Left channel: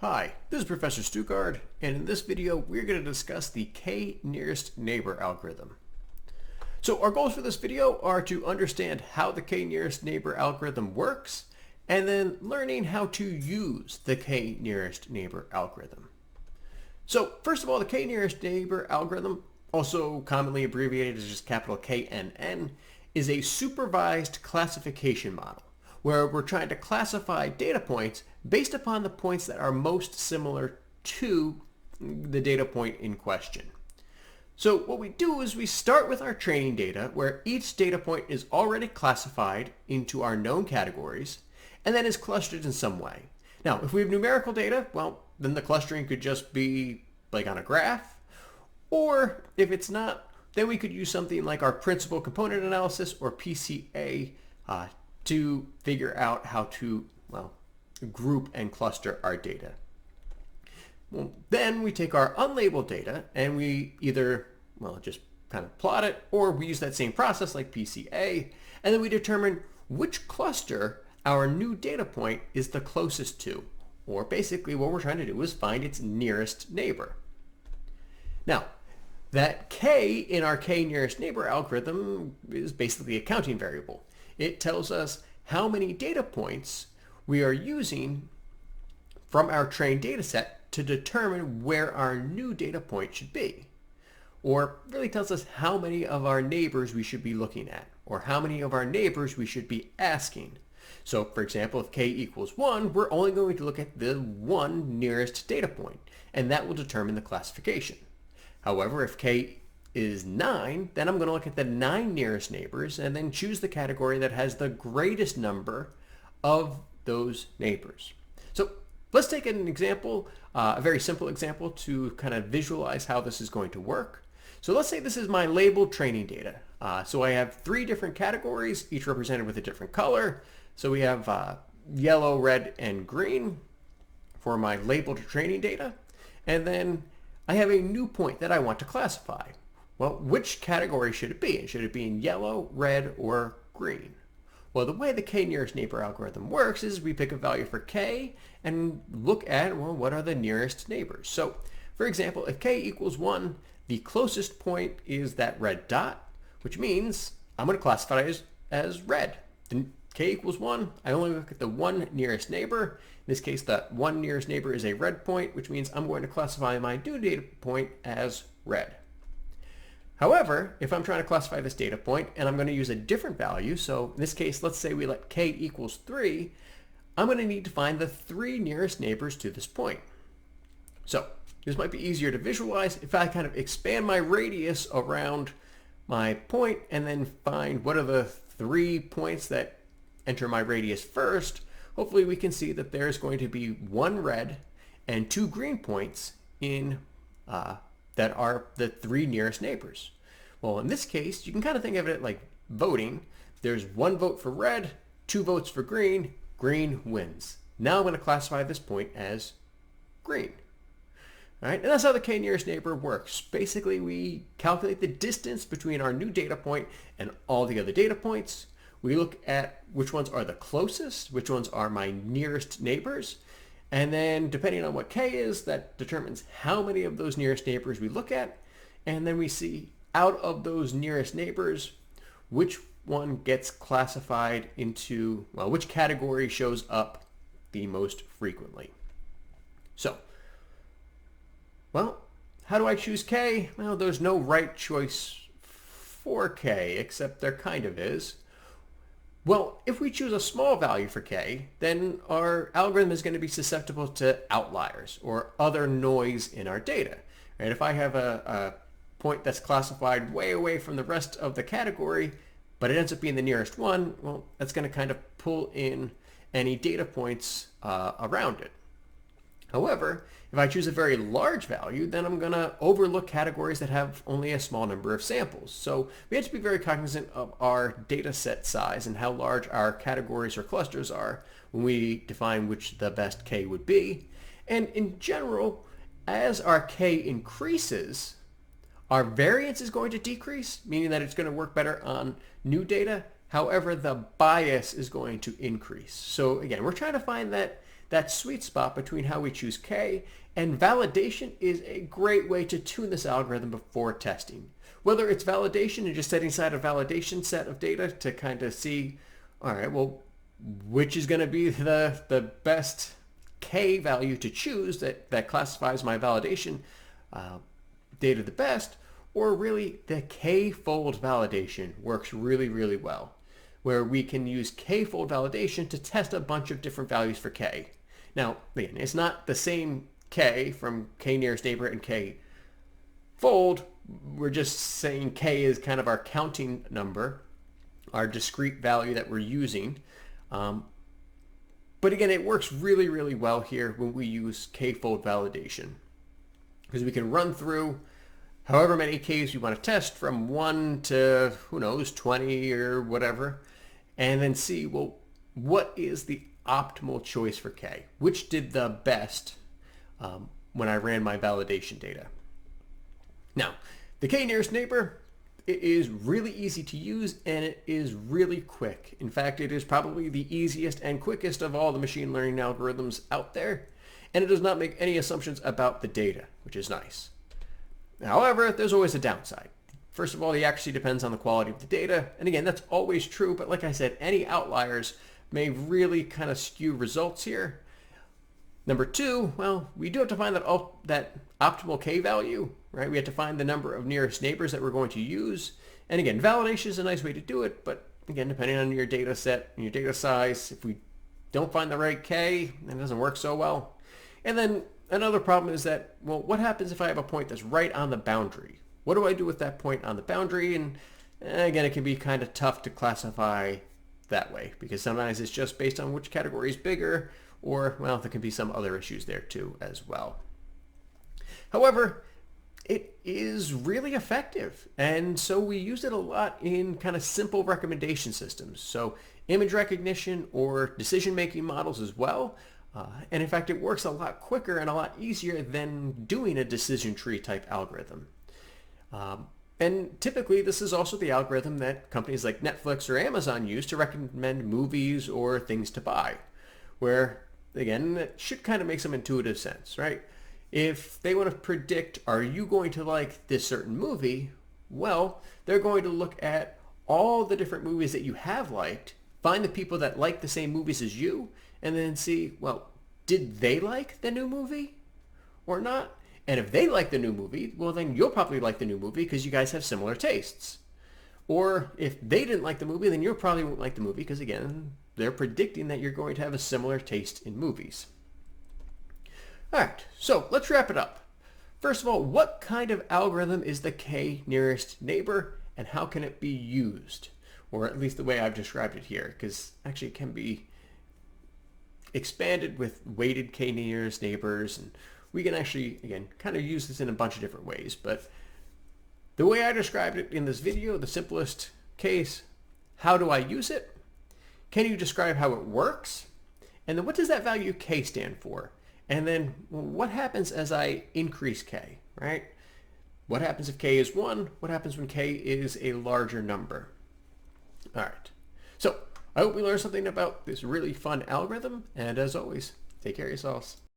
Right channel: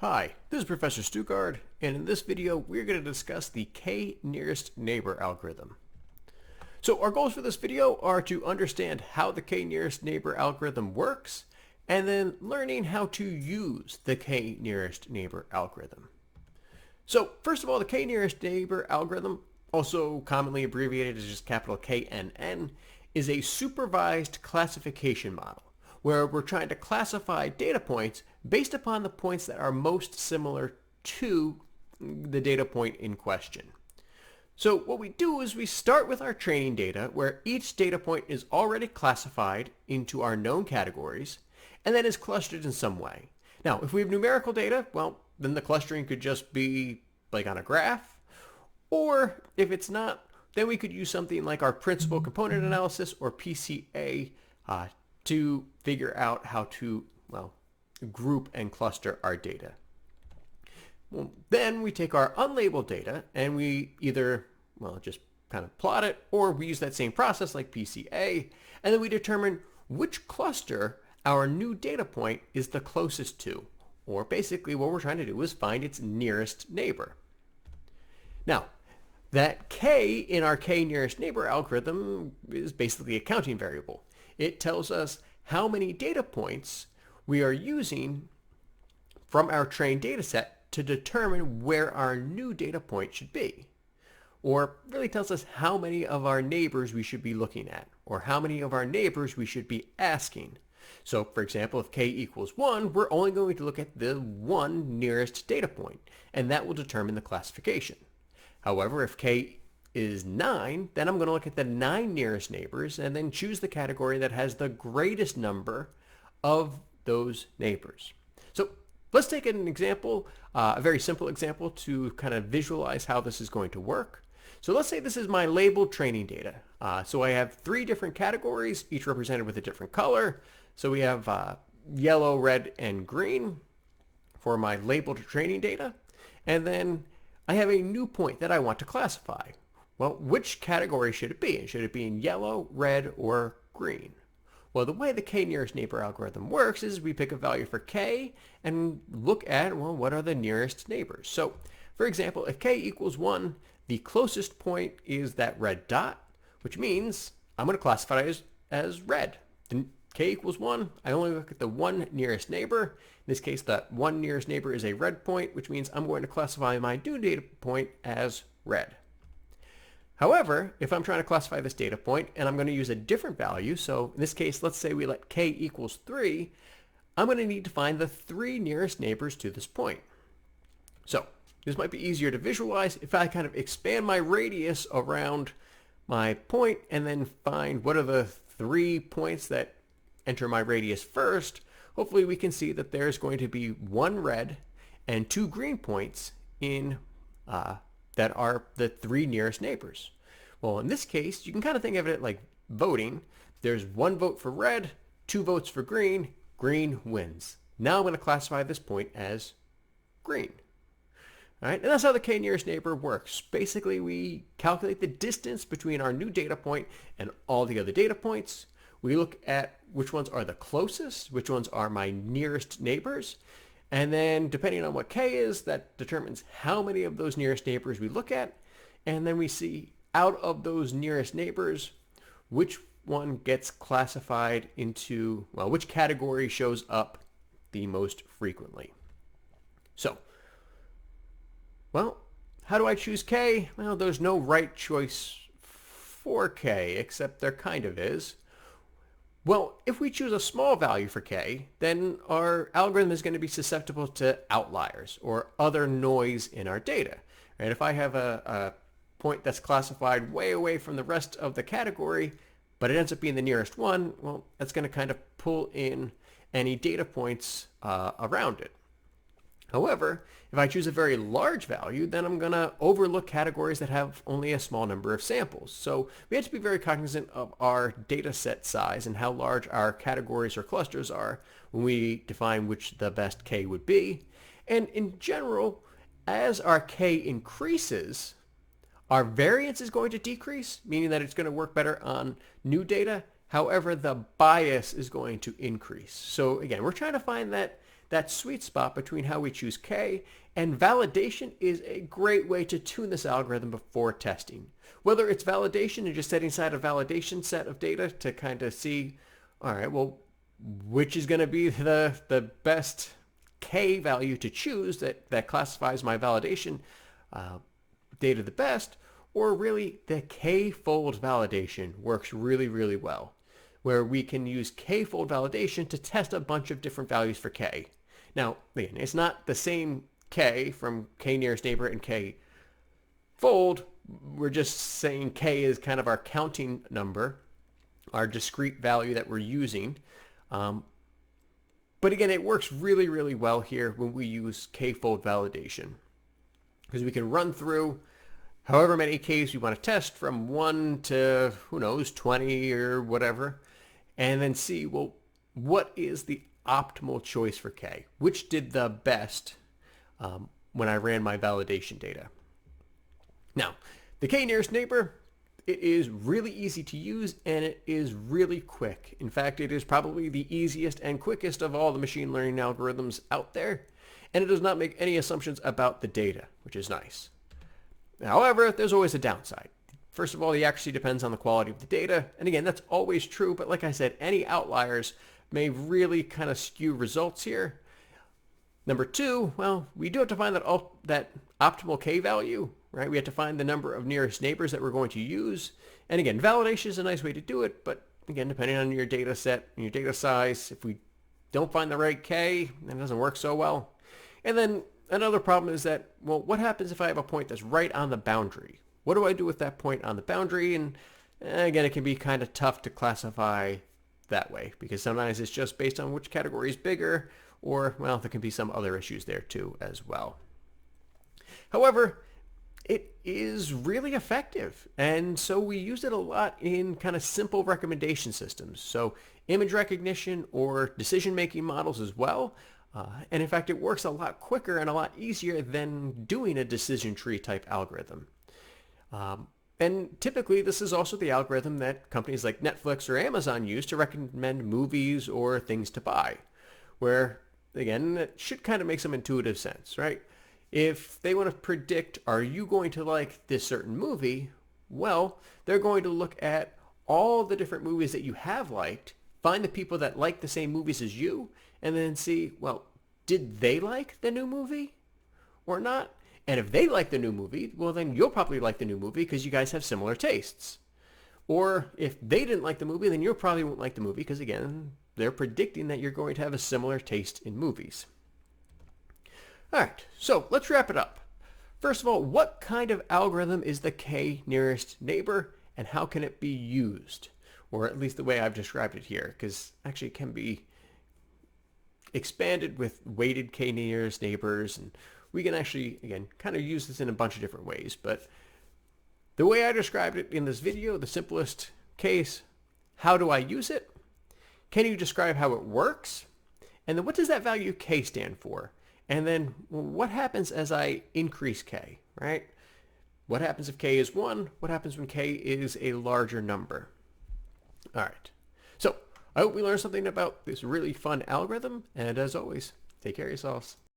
Hi, this is Professor Stuckard, and in this video we're going to discuss the k-nearest neighbor algorithm. So our goals for this video are to understand how the k-nearest neighbor algorithm works, and then learning how to use the k-nearest neighbor algorithm. So first of all, the k-nearest neighbor algorithm, also commonly abbreviated as just capital KNN, is a supervised classification model where we're trying to classify data points based upon the points that are most similar to the data point in question. So what we do is we start with our training data where each data point is already classified into our known categories and then is clustered in some way. Now, if we have numerical data, well, then the clustering could just be like on a graph, or if it's not, then we could use something like our principal component analysis or PCA to figure out how to, well, group and cluster our data. Well, then we take our unlabeled data and we either, well, just kind of plot it, or we use that same process like PCA, and then we determine which cluster our new data point is the closest to, or basically what we're trying to do is find its nearest neighbor. Now, that k in our k-nearest neighbor algorithm is basically a counting variable. It tells us how many data points we are using from our trained data set to determine where our new data point should be. Or really tells us how many of our neighbors we should be looking at, or how many of our neighbors we should be asking. So for example, if k equals 1, we're only going to look at the one nearest data point, and that will determine the classification. However, if k is 9, then I'm going to look at the 9 nearest neighbors and then choose the category that has the greatest number of those neighbors. So let's take an example, a very simple example to kind of visualize how this is going to work. So let's say this is my labeled training data. So I have 3 different categories, each represented with a different color. So we have yellow, red, and green for my labeled training data. And then I have a new point that I want to classify. Well, which category should it be? Should it be in yellow, red, or green? Well, the way the k-nearest neighbor algorithm works is we pick a value for k and look at, well, what are the nearest neighbors? So, for example, if k equals 1, the closest point is that red dot, which means I'm going to classify it as red. Then k equals 1, I only look at the one nearest neighbor. In this case, that one nearest neighbor is a red point, which means I'm going to classify my new data point as red. However, if I'm trying to classify this data point and I'm going to use a different value, so in this case, let's say we let k equals 3, I'm going to need to find the 3 nearest neighbors to this point. So this might be easier to visualize if I kind of expand my radius around my point and then find what are the 3 points that enter my radius first. Hopefully we can see that there's going to be 1 red and 2 green points in that are the 3 nearest neighbors. Well, in this case, you can kind of think of it like voting. There's 1 vote for red, 2 votes for green. Green wins. Now I'm going to classify this point as green. All right, and that's how the k-nearest neighbor works. Basically, we calculate the distance between our new data point and all the other data points. We look at which ones are the closest, which ones are my nearest neighbors, and then depending on what k is, that determines how many of those nearest neighbors we look at. And then we see out of those nearest neighbors, which one gets classified into, well, which category shows up the most frequently. So, well, how do I choose k? Well, there's no right choice for k, except there kind of is. Well, if we choose a small value for k, then our algorithm is going to be susceptible to outliers or other noise in our data. Right? If I have a point that's classified way away from the rest of the category, but it ends up being the nearest one, well, that's going to kind of pull in any data points around it. However, if I choose a very large value, then I'm going to overlook categories that have only a small number of samples. So we have to be very cognizant of our data set size and how large our categories or clusters are when we define which the best k would be. And in general, as our k increases, our variance is going to decrease, meaning that it's going to work better on new data. However, the bias is going to increase. So again, we're trying to find that that sweet spot between how we choose k, and validation is a great way to tune this algorithm before testing. Whether it's validation and just setting aside a validation set of data to kind of see, all right, well, which is going to be the best k value to choose that classifies my validation data the best, or really the k-fold validation works really, really well, where we can use k-fold validation to test a bunch of different values for k. Now, again, it's not the same k from k nearest neighbor and k fold. We're just saying k is kind of our counting number, our discrete value that we're using. But again, it works really, really well here when we use k-fold validation, because we can run through however many k's we want to test from 1 to, who knows, 20 or whatever, and then see, well, what is the optimal choice for k? Which did the best when I ran my validation data? Now, the k nearest neighbor, it is really easy to use and it is really quick. In fact, it is probably the easiest and quickest of all the machine learning algorithms out there, and it does not make any assumptions about the data, which is nice. However, there's always a downside. First of all, the accuracy depends on the quality of the data, and again, that's always true, but like I said, any outliers may really kind of skew results here. Number two, well, we do have to find that optimal k value, right? We have to find the number of nearest neighbors that we're going to use. And again, validation is a nice way to do it, but again, depending on your data set and your data size, if we don't find the right k, it doesn't work so well. And then another problem is that, well, what happens if I have a point that's right on the boundary? What do I do with that point on the boundary? And again, it can be kind of tough to classify that way, because sometimes it's just based on which category is bigger, or, well, there can be some other issues there too as well. However, it is really effective, and so we use it a lot in kind of simple recommendation systems. So image recognition or decision-making models as well. And in fact, it works a lot quicker and a lot easier than doing a decision tree type algorithm. And typically, this is also the algorithm that companies like Netflix or Amazon use to recommend movies or things to buy, where, again, it should kind of make some intuitive sense, right? If they want to predict, are you going to like this certain movie? Well, they're going to look at all the different movies that you have liked, find the people that like the same movies as you, and then see, well, did they like the new movie or not? And if they like the new movie, well, then you'll probably like the new movie because you guys have similar tastes. Or if they didn't like the movie, then you probably won't like the movie because, again, they're predicting that you're going to have a similar taste in movies. All right, so let's wrap it up. First of all, what kind of algorithm is the k nearest neighbor, and how can it be used? Or at least the way I've described it here, because actually it can be expanded with weighted k nearest neighbors, and we can actually, again, kind of use this in a bunch of different ways. But the way I described it in this video, the simplest case, how do I use it? Can you describe how it works? And then what does that value k stand for? And then what happens as I increase k, right? What happens if k is 1? What happens when k is a larger number? All right. So I hope we learned something about this really fun algorithm. And as always, take care of yourselves.